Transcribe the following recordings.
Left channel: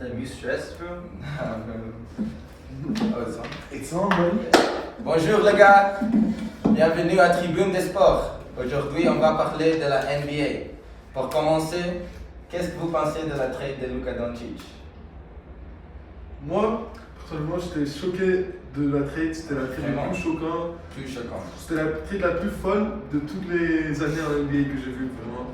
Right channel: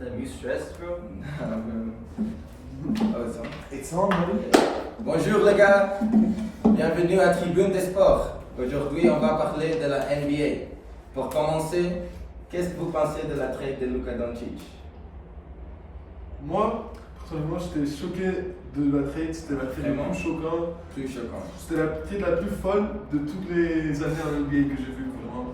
I'm you stressed, bro? It's on, buddy. Bonjour les gars, bienvenue à Tribune des Sports. Aujourd'hui, on va parler de la NBA. Pour commencer, qu'est-ce que vous pensez de la trade de Luka Doncic? Moi, personnellement, j'étais choqué de la trade. C'était la trade la plus choquante. Plus choquant. C'était la trade la plus folle de toutes les années en NBA que j'ai vu, vraiment.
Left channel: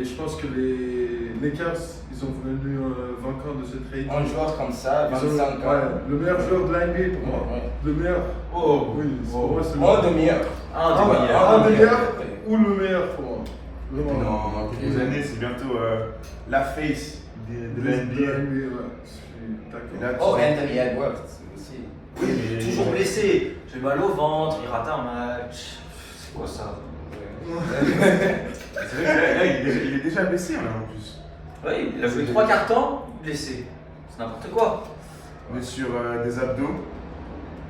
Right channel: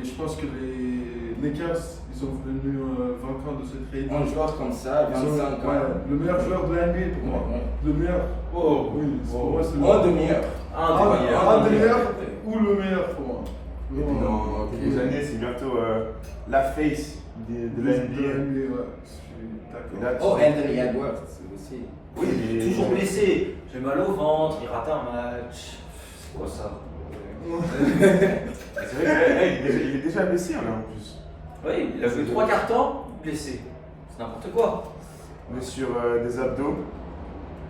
Et je pense que les Lakers, ils sont venus vainqueurs de cette trade. Un joueur comme ça, Ils ont, 25 ans. ouais, le meilleur joueur de la NBA pour moi. Ouais. Le meilleur. Oh, Oui, pour moi, c'est Un des meilleurs. un des meilleurs ou le meilleur pour moi. Vraiment. Dans quelques années, c'est bientôt la face de la De NBA. la NBA, ouais. Je suis Et d'accord. là, Oh, Anthony Edwards aussi. Oui, mais toujours blessé. J'ai mal au ventre, il rate un match. C'est quoi ça? c'est vrai que là, il est déjà blessé là en plus. Oui, il a joué 3 quarts temps, blessé. C'est n'importe quoi. Blessure des abdos,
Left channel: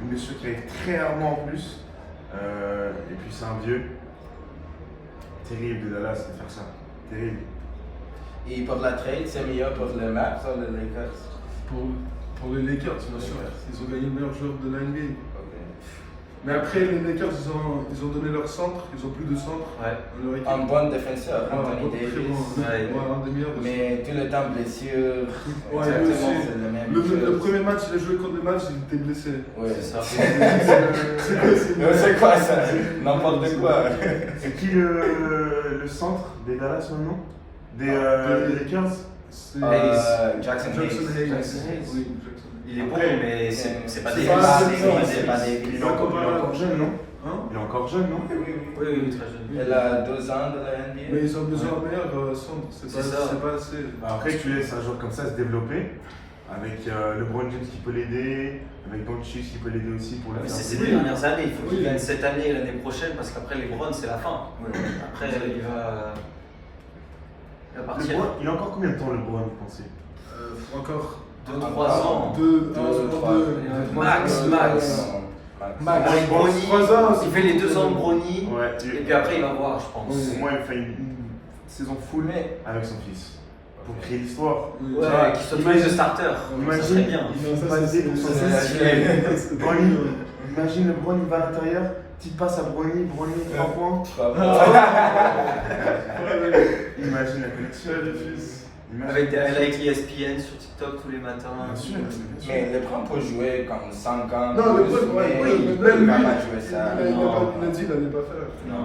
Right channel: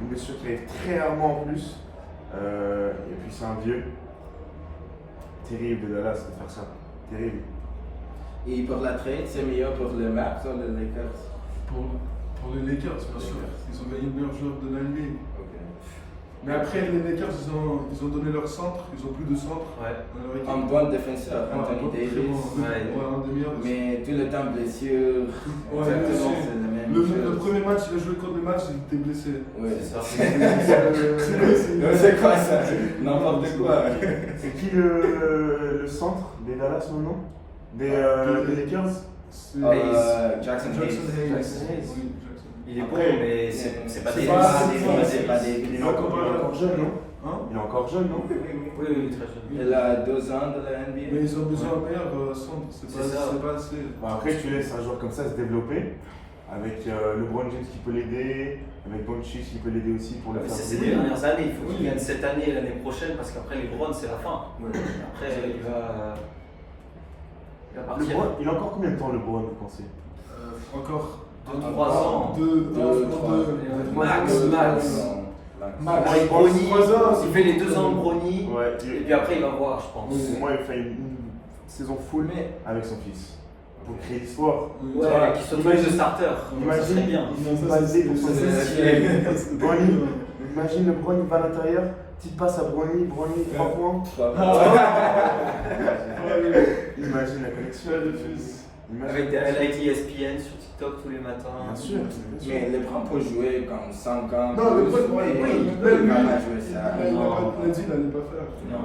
une blessure qui arrive très rarement en plus. Et puis c'est un vieux. Terrible de Dallas de faire ça. Terrible. Et pour la trade, c'est meilleur pour le Mavs ou les Lakers? Pour les Lakers, bien sûr. Ils ont gagné le meilleur joueur de la NBA. Mais après, les Lakers, ils ont donné leur centre. Ils ont plus de centre Ouais. dans leur équipe. Un bon défenseur, Ah, Anthony très Davis. bon. Ouais. Ouais, un des meilleurs. Mais tout le temps blessure. Ouais, Exactement, lui aussi. c'est la même Le chose. premier match, il a joué contre le match, il était blessé. Ouais, C'est ça. C'est quoi ça? N'importe quoi. C'est qui le centre des Dallas maintenant des Lakers? C'est Jackson Jackson Hayes. Hayes. Jackson Hayes. Oui, Jackson. Il est bon, Après, mais c'est pas c'est des pas- masses, c'est pas- c'est pas des. Il est encore jeune, non? Hein? Il est encore jeune, non? Oui, oui, très jeune. Elle a 2 ans de la NBA. Mais ils ont besoin d'un meilleur centre. C'est C'est ça. pas assez. Bah, après, tu laisses un joueur comme ça se développer, avec LeBron James qui peut l'aider, avec Doncic qui peut l'aider aussi pour le Mais faire. c'est ces briller. 2 dernières années, il faut qu'il Oui. gagne cette année et l'année prochaine parce qu'après les Browns c'est la fin. Après il va partir. LeBron, il a encore combien de temps LeBron, vous pensez? Encore 2-3 ans. deux, Max. Max. Avec Je pense Bronny, 3 ans, il fait les 2 ans de Bronny Ouais, et puis après il va voir, je pense. Oui. Au moins, il fait une saison full avec son fils. Pour créer l'histoire. Ouais, Ça, qu'il soit tous les deux starters, ça serait bien. il va passer pour son fils. Bronny, imagine LeBron, il va à l'intérieur, petite passe à Bronny, 3 points. Imagine la connexion. Avec des highlights ESPN sur TikTok tous les matins. Bien sûr, bien sûr. Mais LeBron peut jouer comme 5 ans. Non, plus, LeBron, ouais, mais oui, il même peut lui, pas jouer ça. il a dit qu'il allait pas faire. Non.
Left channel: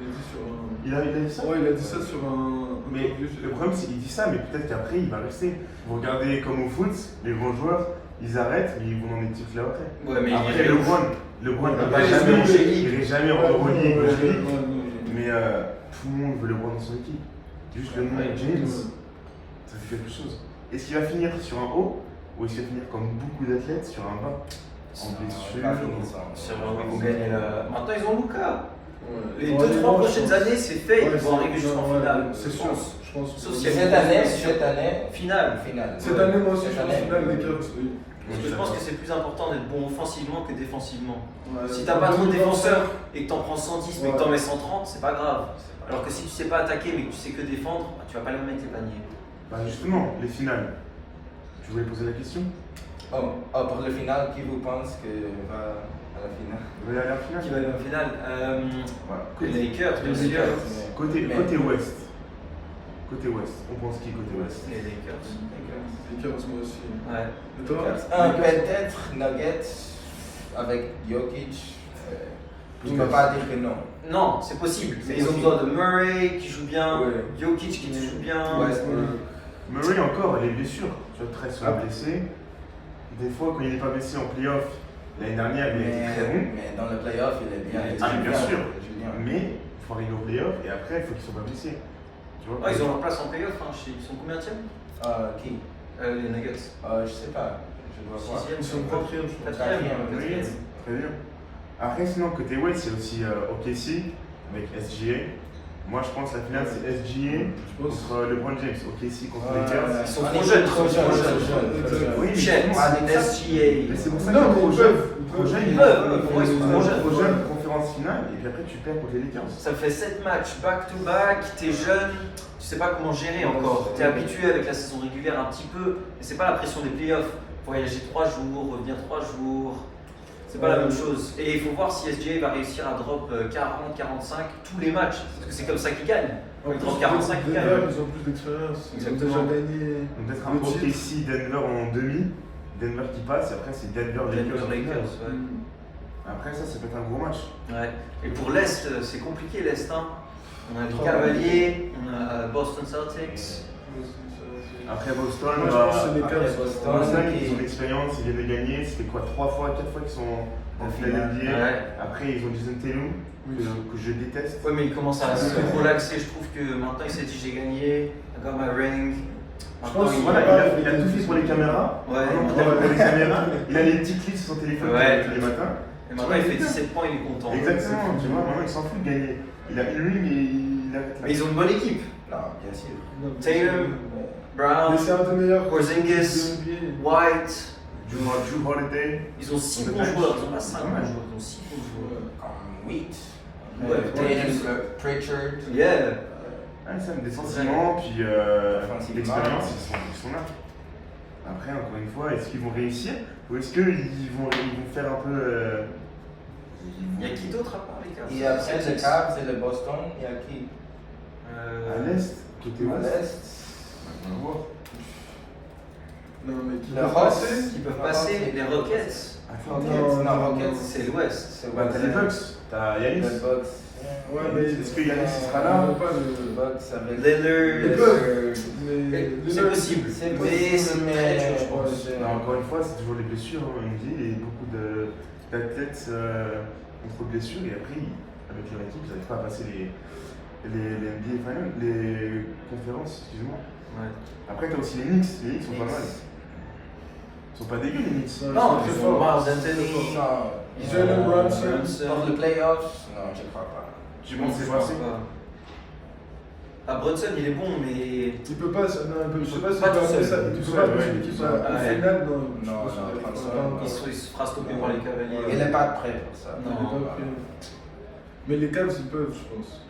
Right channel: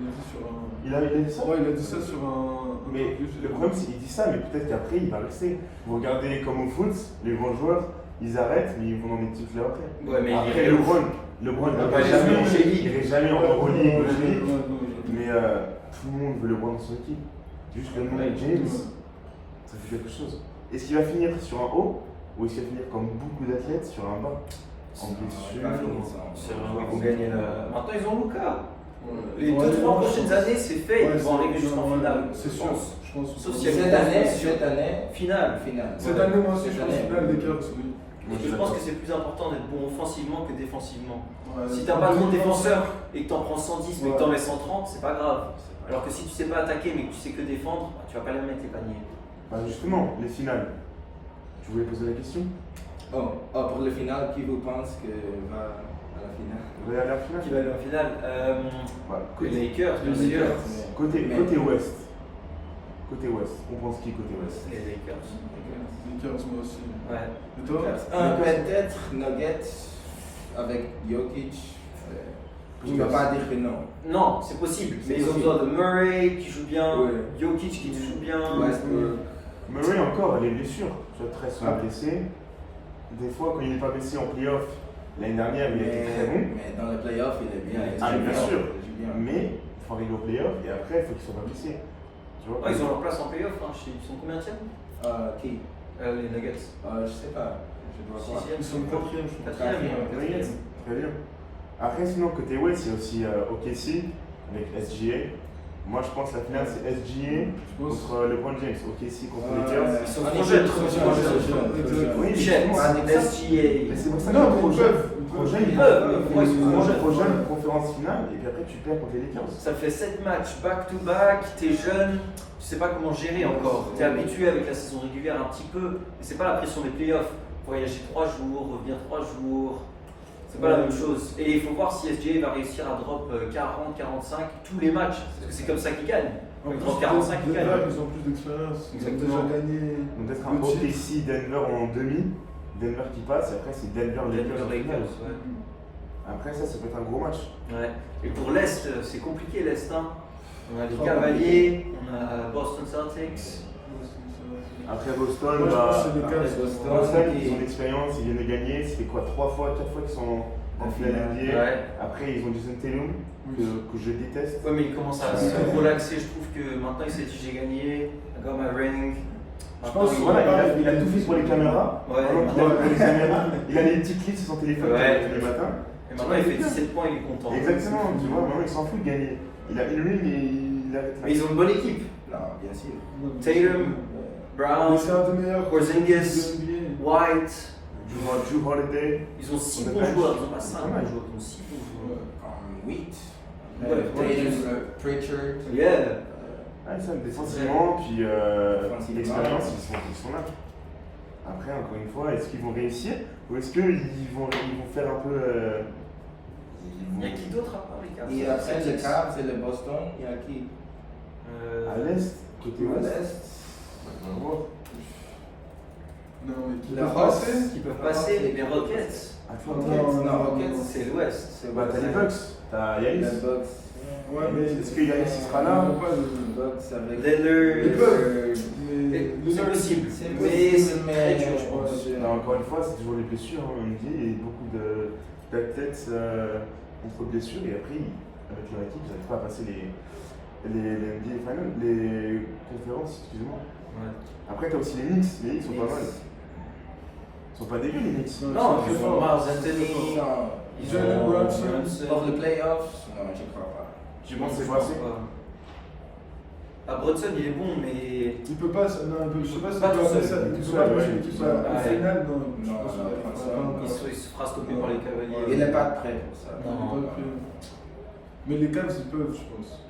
Il a dit sur un. Il a dit ça? Ouais, il a dit ça sur un. Mais le problème, c'est qu'il dit ça, mais peut-être qu'après, il va rester. Vous regardez comme au foot, les grands joueurs, ils arrêtent, mais ils vont dans des petits clubs après. Ouais, mais Après, il est LeBron, il va va jamais en jamais, G-League. il irait jamais en Ouais, Euroleague, ouais, ou ouais, G-League. ouais. Mais tout le monde veut LeBron dans son équipe. Juste le nom Ouais. James, ça fait quelque chose. Est-ce qu'il va finir sur un haut, ou est-ce qu'il va finir comme beaucoup d'athlètes sur un bas? En blessure. C'est vraiment ils vont gagner la. Maintenant ils ont Luka. Les Ouais, 2-3 non, prochaines je pense. années, c'est fait, Ouais, ils vont arriver jusqu'en ouais, finale. C'est sûr, je pense. Sauf s'il y a Cette année, Finale. Cette année, moi aussi, Cette je pense année. finale des Cavs, oui. Parce que je pense que c'est plus important d'être bon offensivement que défensivement. Ouais, Si t'as pas trop de 2025, défenseurs et que t'en prends 110 mais que t'en Ouais. mets 130, c'est pas grave. Alors que si tu sais pas attaquer mais que tu sais que défendre, bah, tu vas pas les mettre les paniers. Bah justement, les finales. Je voulais poser la question. Pour le final, qui vous pense que va à la finale? Vous allez aller en finale? Qui va aller en finale Ouais. Les Lakers, bien Les sûr. Lakers. Côté ouest. Côté ouest. On pense qui côté ouest? Les Lakers. Les Cavs, moi aussi. Ouais. Et toi? Peut-être Nuggets avec Jokic. Je ne peux pas dire que non. Non, c'est possible. C'est Mais ils ont possible. besoin de Murray qui joue bien, Ouais. Jokic qui joue bien. Murray encore, les blessures. Tu vois, très souvent Ah. blessé. Des fois, quand il n'est pas blessé en playoff, l'année dernière, il était très bon. Mais dans le playoff, il est bien. Ah, bien sûr. Il joue bien. Mais il faut arriver au playoff et après, il faut qu'ils ne soient pas blessés. Tu vois, Ah, ils ont leur place en playoff. Hein. Ils sont combien de Qui Les Nuggets. Je sais pas. Je dois voir. Sixième. Ils sont quatrième, je crois. Quatrième. Oui, très bien. Après, sinon, côté West, il y a aussi OKC avec SGA. Moi, je pense que la finale, c'est SGA contre LeBron James. OKC contre les Lakers. Ils sont trop jeunes, trop jeunes. Oui, Chet, justement, SGA. mais c'est pour ça Non, qu'ils mais sont trop ils jeunes. peuvent. Trop jeunes, Ils peuvent, mais pour moi, ils sont trop jeunes. Trop jeunes pour faire conférence finale et puis après tu perds contre les Lakers. Ça fait 7 matchs back-to-back, t'es jeune, tu sais pas comment gérer encore. T'es habitué avec la saison régulière un petit peu, mais c'est pas la pression des playoffs. Voyager 3 jours, revenir 3 jours, c'est pas la même chose. Et il faut voir si SGA va réussir à drop 40, 45 tous les matchs, parce que c'est comme ça qu'il gagne. En Il plus, drop 45, il Denver, gagne. ils ont plus d'expérience. Ils ont Exactement. déjà gagné. Donc peut-être un le gros titre. ici, Denver en demi, Denver qui passe et après c'est Denver Lakers. en finale. Lakers, ouais. Après ça peut être un gros match. Ouais. Et pour l'Est, c'est compliqué l'Est. Hein. On a les Oh, Cavaliers, on a Boston Celtics. Après Boston, Moi, je bah, pense que c'est les Après Cavs. Boston, ils ont de l'expérience, ils viennent de gagner. C'était quoi 3 fois, 4 fois qu'ils sont en finale NBA. Ouais. Après ils ont Jason Tatum que je déteste. Ouais, mais il commence à se relaxer. Je trouve que maintenant il s'est dit j'ai gagné, I got my ring. Je pense Maintenant, Voilà, il a tout fait pour les caméras. Ouais. Maintenant qu'il a fait pour les caméras, il a les petites clips sur son téléphone Ouais. tous les matins. Et maintenant il fait 17 points, il est content. Exactement, tu vois, maintenant il s'en fout de gagner. Il a une ring et il arrête là. Mais ils ont une bonne équipe. Non, bien sûr. Tatum, Brown, Mais c'est un des meilleurs. Porzingis, NBA. White. Drew Holiday. Ils ont 6 On bons a joueurs, pas- ils ont pas 5 pas mal. bons joueurs, ils ont 6 bons joueurs. Oui. Ouais, Tatum, Pritchard. Yeah. Ouais, ça, défensivement, puis Offensivement. l'expérience, ils sont là. Après, encore une fois, est-ce qu'ils vont réussir ou est-ce qu'ils vont faire un peu. Il y a qui d'autre à part les Cavs? Et après le Cavs, c'est le Boston. Il y a qui À l'est, côté À ouest. l'Est. On va voir. Non, mais qui Le peut Hawks. passer. Qui peuvent passer, les Rockets. Attends, Non, Non, non, Rockets. C'est l'Ouest. C'est bah, t'as les Bucks, t'as Yanis. Les Bucks. Ouais, mais Est-ce que Yanis il sera là? ils vont pas Les le- Bucks avec. Lillard. Ils peuvent. Les C'est Nuggets, possible. C'est Mais possible, c'est très dur, je pense. Non, encore une fois, c'est toujours les blessures en NBA et beaucoup d'athlètes contre blessures et après, avec leur équipe, ils n'arrivent pas à passer les NBA Finals, les conférences, excuse-moi. Ouais. Après, t'as aussi les Knicks sont pas mal. Ils sont pas dégueux les Knicks. Non, c'est ils fort. ont Mars C'est Anthony. fort. Ils Jalen ont- Brunson. Pour le playoffs, non, je crois pas. Tu penses que c'est pense passé? pas. Ah, Brunson, il est bon, mais. Il peut pas, non, il peut Il pas peut se pas tout faire seul. ça. Il Tout peut pas seul, passer ouais. l'équipe Ouais. au final, non. Non, non, Il se fera stopper par les Cavaliers. Il n'est pas prêt pour ça. Il est pas prêt. Mais les Cavs, ils peuvent, je pense.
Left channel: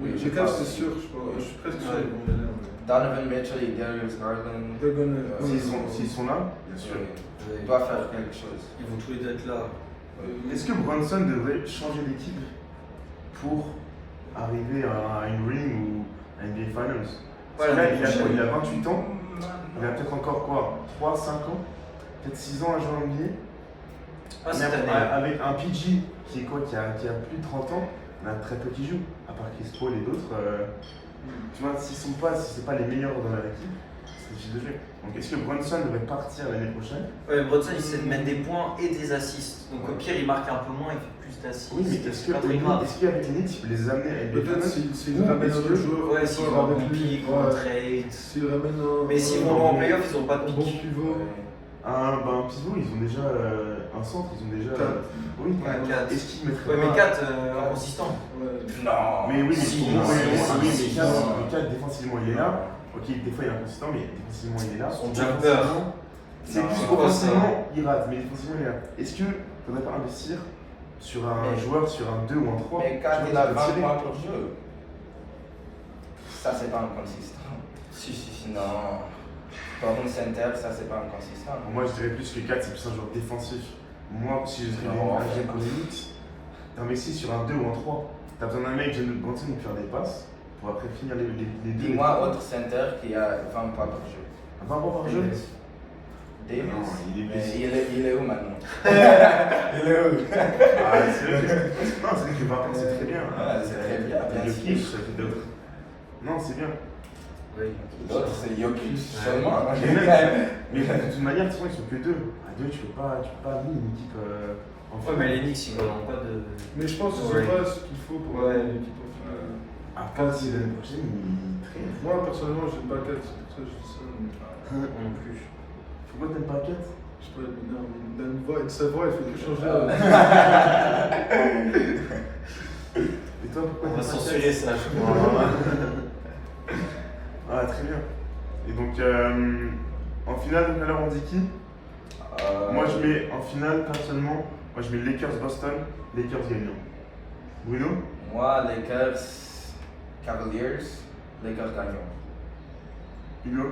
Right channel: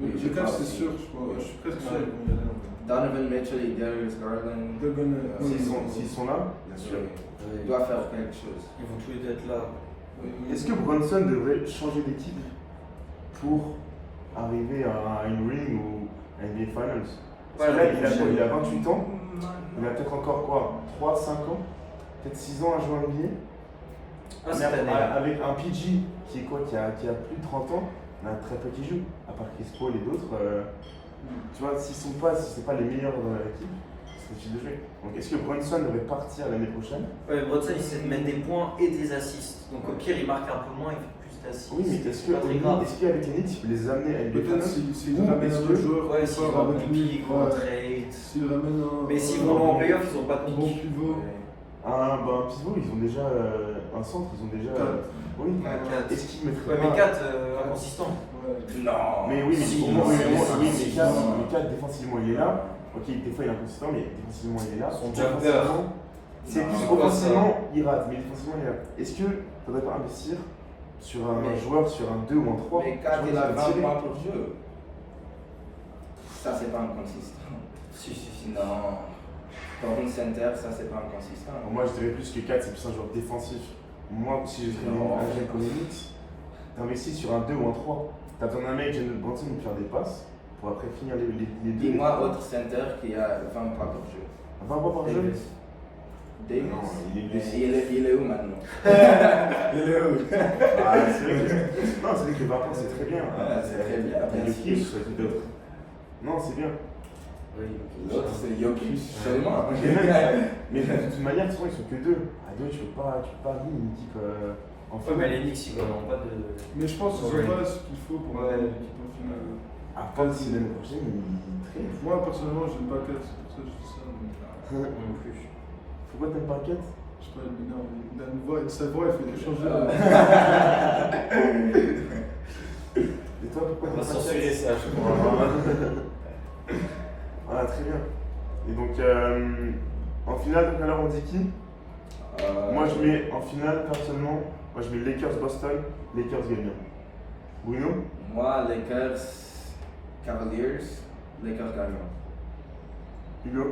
Oui, je Les Cavs, pense. c'est sûr, je pense. Je suis presque sûr Ouais. qu'ils vont gagner un peu. Donovan Mitchell et Darius Garland. They're gonna- S'ils sont là, bien sûr. Il doit faire quelque chose. Ils vont tous les deux être là. Est-ce que Brunson devrait changer d'équipe pour arriver à une ring ou à NBA Finals? Parce que là, il a 28 ans, il a peut-être encore quoi 3, 5 ans, peut-être 6 ans à jouer en NBA. Ah, Mais cette année. avec un PG qui est quoi, qui a plus de 30 ans, on a très peu qui jouent, à part Chris Paul et d'autres. Tu vois, si c'est pas les meilleurs dans leur équipe, c'est difficile de jouer. Donc est-ce que Brunson devrait partir l'année prochaine? Ouais, Brunson, il sait de mettre des points et des assists. Donc au pire, il marque un peu moins, il fait plus d'assists. Oui, mais est-ce C'est pas très grave. qu'avec les Knicks, il peut les amener à NBA Peut-être Finals? s'il Ou ramène est-ce un que- autre joueur Ouais, plus s'ils fort vont en avec lui, pick ou en ouais. trade. S'il ramène un. Mais s'ils vont en playoff, ils n'ont pas de un bon pick. pivot. Un pivot, ils ont déjà un centre, ils ont déjà. Quatre. Oui, Ouais, 4. est-ce qu'ils mettraient Ouais, mais pas- 4 inconsistant. Ouais. Non. Mais oui, mais Si, au moins, si, oui, si, mais si, 4, si. mais 4, défensivement, il est là. Ok, des fois il est inconsistant, mais défensivement, il est là. Son Offensivement, jumper. C'est Non, plus c'est pas offensivement, il rate, mais défensivement, il est là. Est-ce qu'il ne faudrait pas investir sur un Mais- joueur, sur un 2 ou un 3 Mais quand il a 20 points pour jeu, ça c'est pas inconsistant. Si. Non. Pour un center, ça c'est pas inconsistant. Moi, je dirais plus que 4, c'est plus un joueur défensif. Moi, si je serais Non. un GM comme les Knicks, t'investis sur un 2 ou un 3. T'as besoin d'un mec, Jalen Brunson, qui faire des passes pour après finir les deux. Dis-moi autre center qui a 20 points par jeu. Un 20 points par jeu? Davis. Davis. Non, il est blessé. Il est où maintenant? Il est où? Ah, c'est vrai que, non, c'est vrai que 20 points, c'est très bien. Ouais, c'est très bien, T'as merci. Jokic, t'as d'autres. Non, c'est bien. L'autre c'est Jokic seulement. Et même, mais de toute manière, souvent, ils sont que 2. À 2, tu peux pas amener une équipe en Ouais, mais les Knicks, ils gagnent pas de. Mais je pense qu'ils Ouais. ont pas ce qu'il faut pour Ouais. avoir une équipe en finale. À part si l'année prochaine, il traîne. Moi, personnellement, j'aime pas 4, c'est pour ça que je dis ça. mais- Moi non plus. Pourquoi t'aimes pas 4? Je sais pas, mais non, mais il a une voix, sa voix, elle fait que changer. Et toi, pourquoi On va t'aimes pas 4? censurer ça, je crois. Ah, très bien. Et donc, en finale, tout à l'heure, on dit qui? Moi, je mets en finale, personnellement, moi je mets Lakers-Boston, Lakers gagnant. Bruno? Moi, Lakers, Cavaliers, Lakers gagnent. Hugo?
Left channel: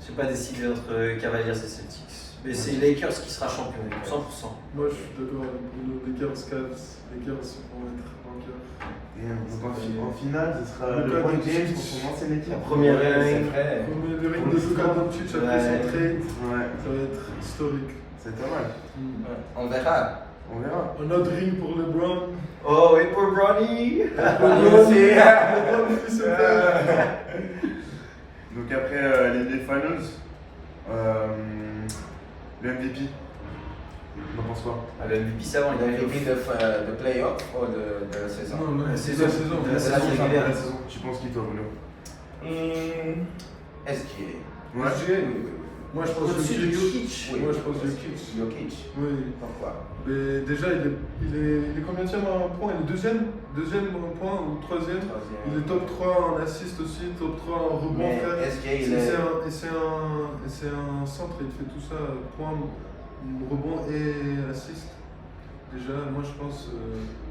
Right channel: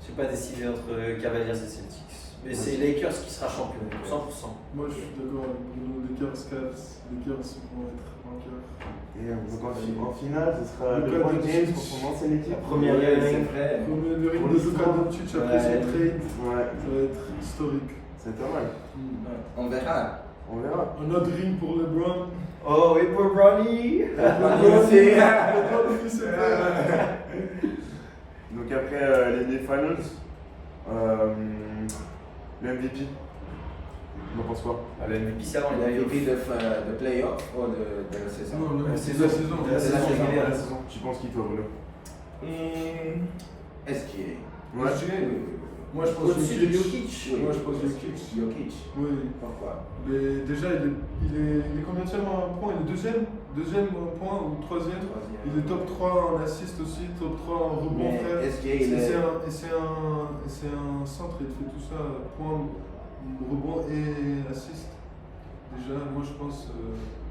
Je sais pas décider entre Cavaliers et Celtics. Mais c'est Lakers qui sera champion, 100%. Moi, je suis d'accord avec Bruno. Lakers, Cavs, Lakers vont être vainqueurs. Et donc en finale, ce sera Le LeBron Doncic. James contre son ancienne équipe. La première Ouais, c'est ring. vrai. Premier le ring Pour de le Luka score. Doncic après son Ouais. trade, Ouais, ça va être historique. c'est pas mal. On verra. On verra. Un autre ring pour LeBron. Oh, et pour Bronny. LeBron, LeBron fils de père. Donc après les NBA Finals, le MVP, on en pense quoi? Le MVP, c'est avant, Il a il a MVP de playoff ou de la saison? Non, non, La c'est saison. la saison. La C'est saison la saison. régulière. La saison. Tu penses qui toi, Bruno? SGA. Ouais. Moi, je pense Au-dessus de Jokic. Jokic. Oui. Moi, je pense Jokic. Jokic. Oui. Pourquoi? Mais déjà, il est combien en points? Il est deuxième en point ou troisième? Il est top 3 en assist aussi, top 3 en rebond, Mais frère. SGA, il est. C'est un centre, il fait tout ça, point, rebond et assist. Déjà, moi je pense.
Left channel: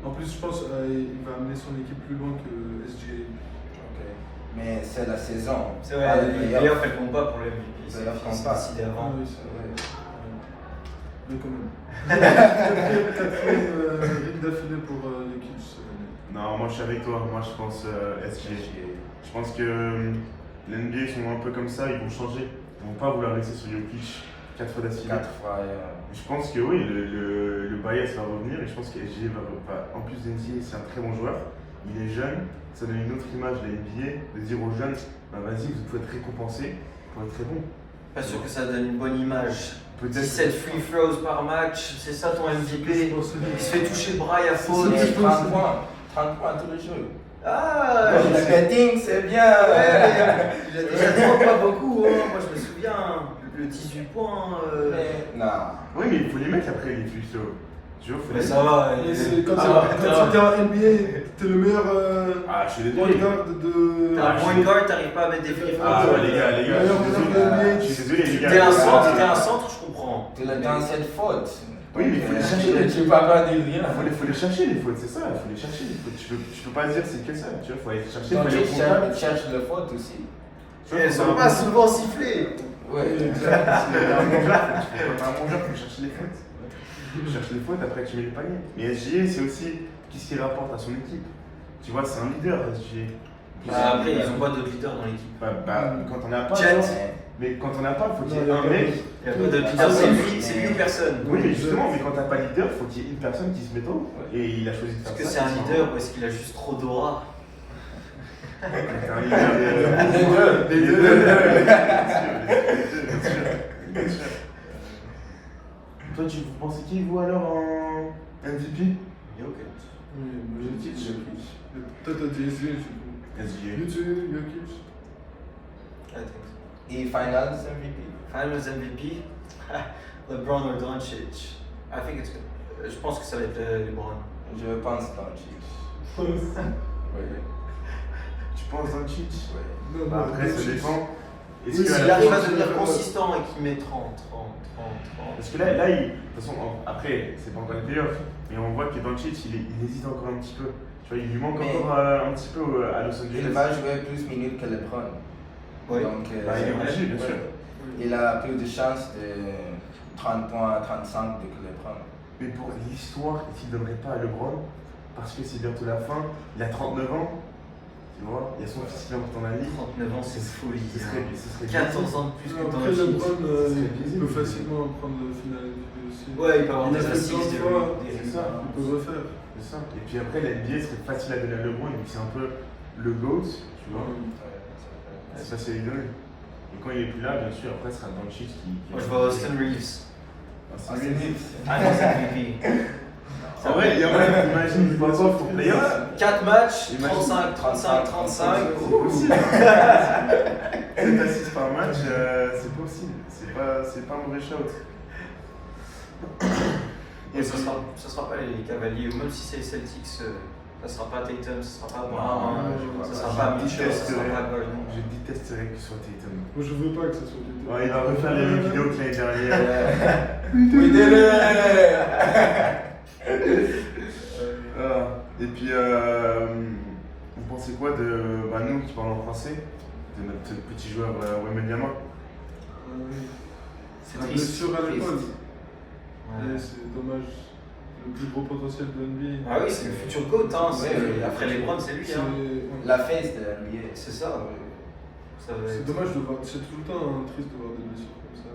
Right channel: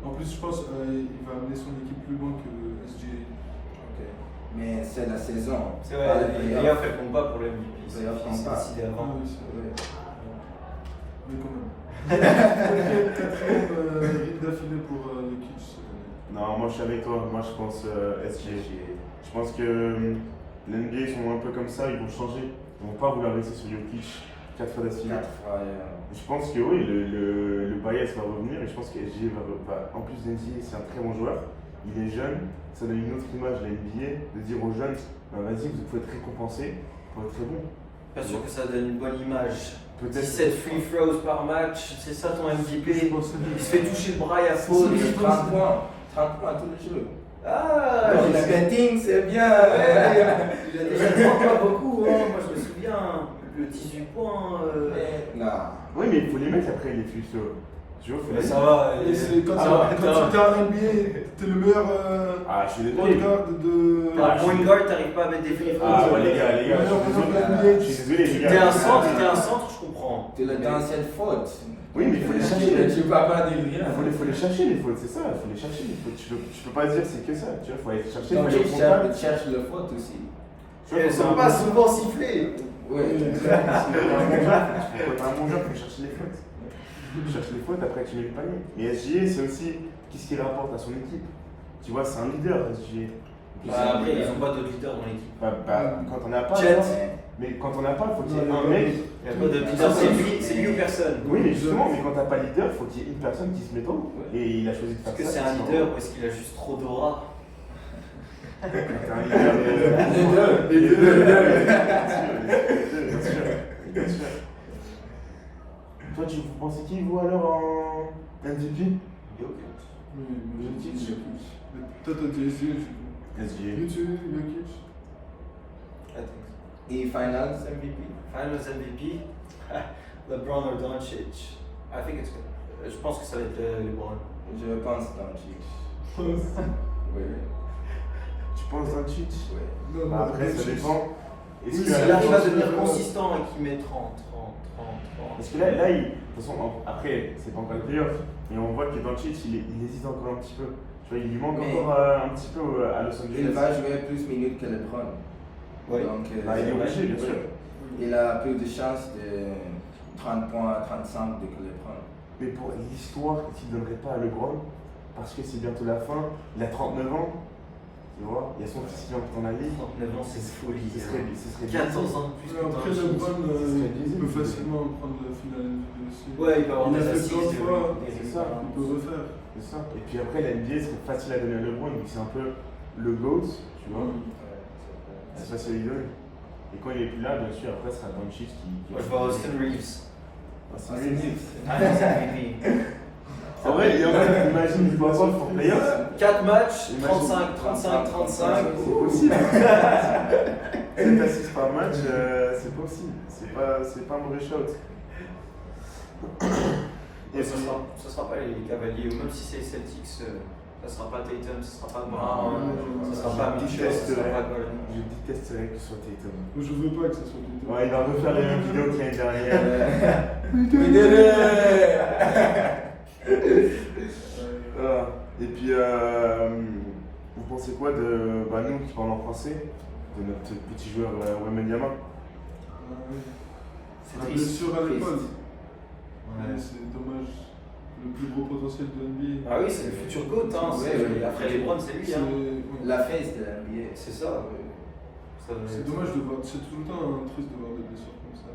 En plus, je pense qu'il va amener son équipe plus loin que SGA. Ok. Mais c'est la saison. C'est pas vrai, le les playoff. playoffs, elles comptent pas pour le MVP. Les C'est playoffs comptent pas. décidé avant. Ah oui, c'est vrai. Ouais. Mais quand même. Quatrième ring d'affilée pour Jokic cette année. Non, moi je suis avec toi. Moi je pense SGA. Je pense que l'NBA ils sont un peu comme ça, ils vont changer. Ils vont pas vouloir rester sur Jokic 4 fois d'affilée. 4 fois. Je pense que oui, le bias va revenir et je pense que SGA en plus d'NBA, c'est un très bon joueur. Il est jeune, ça donne une autre image de la NBA, de dire aux jeunes, bah, vas-y, vous pouvez être récompensé pour être très bon. Pas sûr que ça donne une bonne image. Peut-être. 17 free throws par match, c'est ça ton MVP. C'est pour ça. Il se fait toucher le bras, il y a C'est faute. ça. Et 30 points. 30 points tous les jours. Ah, Le betting, c'est bien. ouais, il a déjà 30 pas beaucoup. Hein. Moi je me souviens, le 18 points. Non. Oui, mais il faut les mettre après les plus tu vois, faut Mais les ça mettre. va. Et c'est quand Ah, tu es en NBA, t'es le meilleur Ah, je suis point désolé. guard de. T'es un point guard, t'arrives pas à mettre des free throws. Ah, ouais, les gars, Meilleur je suis meneur de désolé. NBA. Je suis désolé, les gars. T'es un centre, je comprends. Tu l'as dans cette faute. Oui, mais il faut les chercher. Tu vas pas dire rien. Il faut les chercher les fautes, c'est ça, il faut les chercher les fautes. Tu peux pas dire c'est que ça, tu vois, faut aller chercher, faut Donc, aller au tu contact. cherches le faute aussi. Et ça va pas souvent siffler. Oui. Quand t'as un bon joueur, faut chercher les fautes. Tu cherches les fautes, après tu mets le panier. Mais SGA, c'est aussi qu'est-ce qu'il rapporte à son équipe. Tu vois, c'est un leader, SGA. Bah, après, ils ont pas de leader dans l'équipe. Quand on n'a pas, Jet. genre, mais quand on n'a pas, faut qu'il y ait un mec. Il y a pas de leader, c'est lui ou personne. Oui, mais justement, mais quand t'as pas de leader, faut qu'il y ait une personne qui se mette haut. Et il a choisi de faire Est-ce que ça. c'est un leader ou est-ce qu'il a juste trop d'aura? C'est un leader Les deux. Les deux. Bien sûr. Toi, tu pensais qui vous alors en MVP? Oui, mais Jokic. Toi, t'as dit SGA. SGA. Jokic. Et Finals MVP. Finals MVP, LeBron or Doncic. I think it's good. Je pense que ça va être LeBron. Je pense Doncic. Oui. Oui. Tu penses Doncic? Oui. Non, Bah, non, après, ça Doncic. dépend. Est-ce Oui, que S'il à la arrive à fin- devenir consistant et qu'il met 30. Parce que là de toute façon, après, c'est pas encore les playoffs, mais on voit que Doncic, il hésite encore un petit peu. Tu vois, il lui manque Mais- encore un petit peu à Los Il Angeles. va jouer plus de minutes que LeBron. Oui. Donc, Bah, il est c'est vrai. obligé, bien sûr. Il a plus de chances de 30 points, 35 de que LeBron. Mais pour l'histoire, est-ce qu'il ne donnerait pas à LeBron? Parce que c'est bientôt la fin, il a 39 ans, tu vois, il y a son fils qui entre dans la ligue. 39 ans, c'est folie. Ce serait 14 ans de plus que Après, Doncic. LeBron, C'est il visible. peut facilement prendre le final MVP aussi. Ouais, il peut avoir Il a des fait assists, plein de des fois, des c'est ça. Il peut refaire. C'est ça. Et puis après, la NBA serait facile à donner à LeBron, vu que c'est un peu le GOAT, tu vois. C'est facile à lui donner. Et quand il est plus là, bien sûr, après, ce sera Doncic qui. Moi, je vois Austin Reeves. Austin Ah, c'est Reeves. Reeves. Finals MVP. En vrai, imagine, il peut avoir pour playoff. 4 matchs, Imagine. 35, 35, 35. C'est possible. 7 assists par match, c'est possible. C'est pas un mauvais shout. Et ce sera pas les Cavaliers, ou même si c'est les Celtics, Ça sera pas Tatum, ça sera pas Non, Brown, ça sera pas Mitchell, ça sera pas Gordon. Je détesterais que ce soit Tatum. Moi, je veux pas que ça soit Tatum. Ouais, il va refaire les mêmes vidéos que l'année dernière. We did it! Voilà. Et puis, vous pensez quoi de nous qui parlons en français, de notre petit joueur Wembanyama? Ah oui. C'est La triste. blessure à l'épaule. Ouais. Ouais, c'est dommage. Le plus gros potentiel de NBA. Ah oui, c'est le futur GOAT, hein. Ouais. Après LeBron, c'est lui. C'est Hein. ouais. La face de la NBA. C'est ça. Ça va C'est être- dommage de voir. C'est tout le temps triste de voir des blessures comme ça.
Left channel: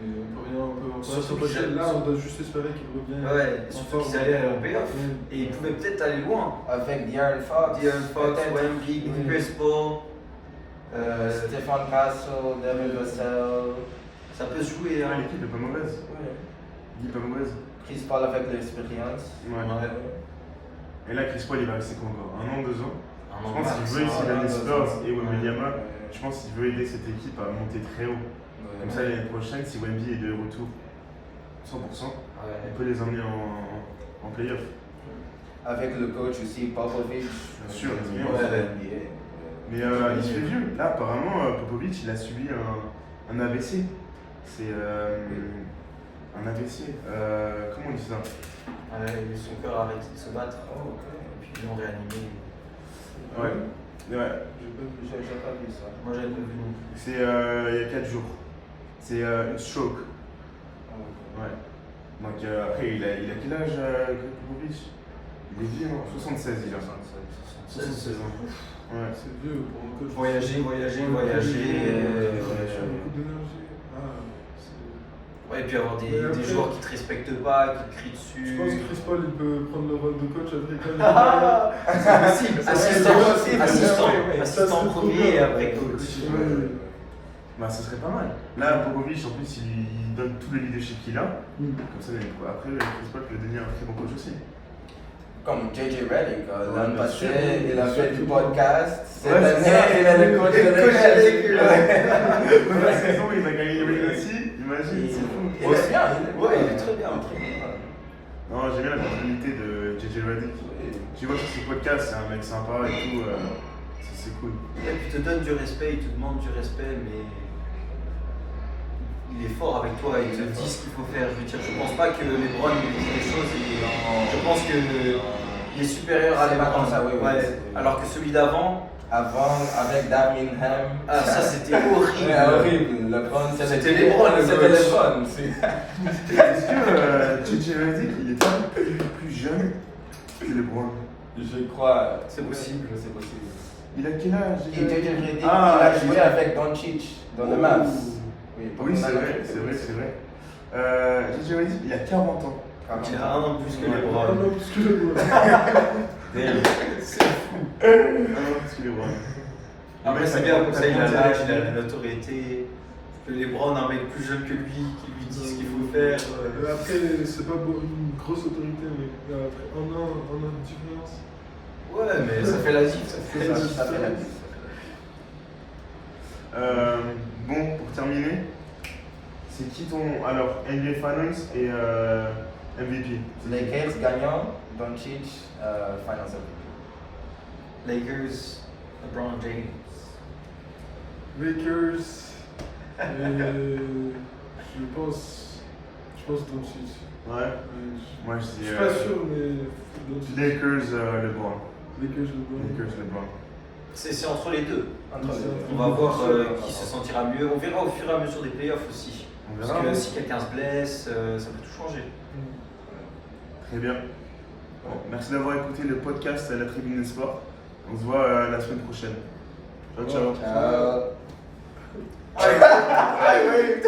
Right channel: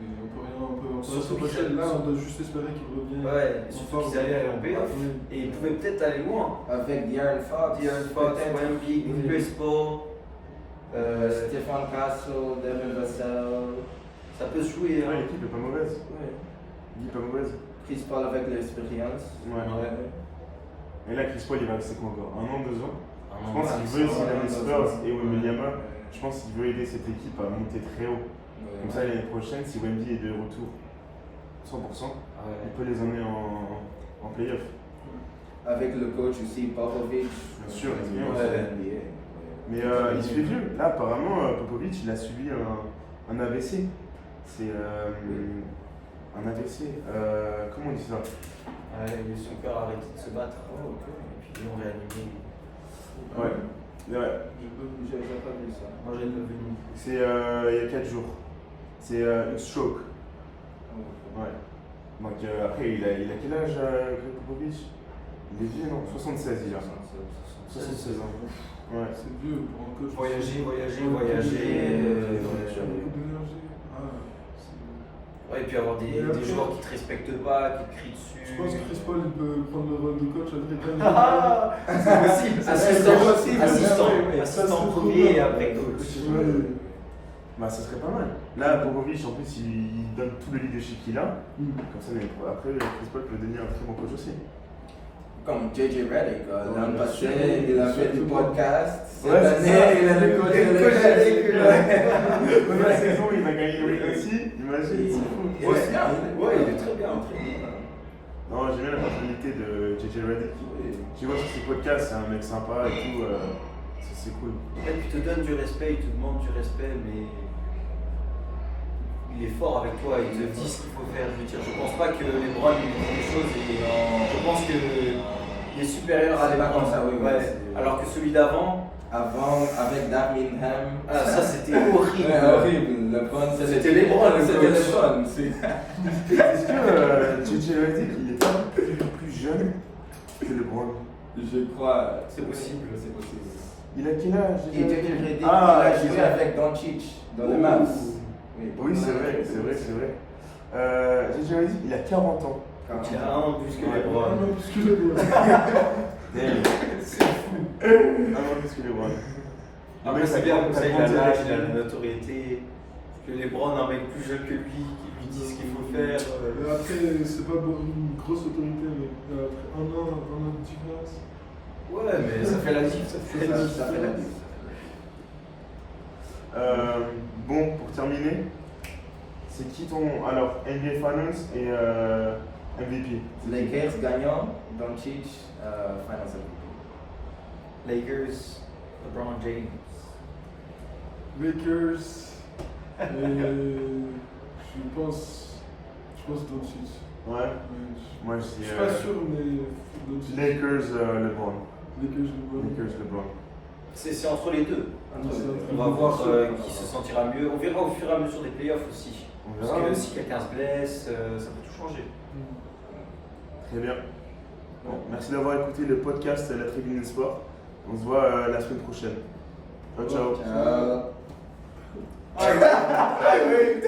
Et on peut rien Surtout s'empêcher. qu'ils- Là, on doit juste espérer qu'il revienne. Ouais, en surtout forme. qu'ils allaient aller en playoff. Oui. Et ils pouvaient peut-être aller loin. Avec De'Aaron Fox. De'Aaron Fox, peut-être. Wemby, Oui. Chris Paul. Stéphane Castle, Devin Vassell. Ça peut se jouer. Ouais, Hein. l'équipe est pas mauvaise. L'équipe est pas mauvaise. Chris Paul avec l'expérience. Ouais. Ouais. Et là, Chris Paul, il va rester quoi encore? 1 an, 2 ans? Un Je an pense max, qu'il veut hein. ici les Spurs et Wembanyama. Ouais. Je pense qu'il veut aider cette équipe à monter très haut. Comme ça, l'année prochaine, si Wemby est de retour 100%, Ouais. on peut les emmener en playoff. Avec le coach aussi, Popovich. Bien sûr, C'est bien. bon, Ouais. NBA. Mais il se fait vieux. Là, apparemment, Popovic, il a subi un AVC. C'est un AVC. Comment on dit ça? Son cœur a arrêté de se battre. Oh, Et puis ils l'ont réanimé. Ouais. Ouais. J'ai pas vu ça. Moi, j'avais pas vu non plus. C'est il y a 4 jours. C'est une stroke. Ouais. Donc après, il a quel âge, Greg Popovich? Il est vieux, non? 76, il a. 76 ans. Ouais. C'est vieux pour un coach. Voyager. Tu as beaucoup d'énergie. Ah, c'est- Ouais, et puis avoir Mais des après- joueurs qui te respectent pas, qui te crient Je dessus. pense que Chris Paul il peut prendre le rôle de coach africain. Ah, c'est possible. Assistant, possible. assistant premier et après coach. Ouais. Bah, ça serait pas mal. Là, Popovic, en plus, il donne tout le leadership qu'il a. Mm. Comme ça, après, Chris Paul peut devenir un très bon coach aussi. Comme JJ Redick, l'an bien passé, sûr. il a fait du podcast. Cette Ouais, année, c'est ça. il est le coach de Coach de l'équipe. Première saison, il a gagné le ring aussi. Imagine, c'est fou. Il est bien. Ouais, il est très bien. Non, j'aime bien la personnalité de JJ Redick. Tu vois sur ses podcasts, c'est un mec sympa et tout. C'est cool. Et puis il te donne du respect, il te demande du respect, mais il est fort avec toi, il te dit ce qu'il faut faire. Je veux dire, je pense pas que LeBron lui dise des choses et je pense que il est supérieur à C'est pas LeBron. comme ça, oui, oui, Ouais. c'est- Alors que celui d'avant, Avant, avec Darvin Ham. ah, ça c'était horrible. Ouais, horrible. LeBron, C'était LeBron, le C'était coach. LeBron aussi. Est-ce que JJ Redick, il est pas plus jeune que LeBron? Je crois. C'est possible. C'est possible. Il a quel âge Et JJ Redick, Ah, il a joué JJ. avec Doncic dans le Mavs. Oui, c'est vrai, c'est vrai, c'est vrai. JJ Redick, il a 40 ans. Il a un an plus que Ouais. LeBron. Non, plus que le bon. Damn. C'est fou. Un an plus que LeBron. Après, c'est bien, comme ça il a l'âge, il a la notoriété. Que LeBron, un mec plus jeune que lui, qui lui dit ce qu'il faut faire. Après, c'est pas une grosse autorité, mais après un an de différence. Ouais, mais ça fait la diff, ça fait la diff. Ça fait la diff. Bon, pour terminer, c'est qui ton. Alors, NBA Finals et MVP? Lakers gagnant, Doncic, Finals MVP. Lakers, LeBron James. Lakers. Je pense Doncic. Ouais. Ouais, Moi, je je dis. suis pas sûr, mais Doncic. Lakers, LeBron. Lakers, LeBron. Lakers, LeBron. C'est entre les deux. Entre les deux. On va voir qui se sentira mieux. On verra au fur et à mesure des playoffs aussi. On Parce verra. que si quelqu'un se blesse, ça peut tout changer. Très bien. Bon, merci d'avoir écouté le podcast La Tribune des Sports. On se voit la semaine prochaine. Ciao, ciao. Euh, Ah oui.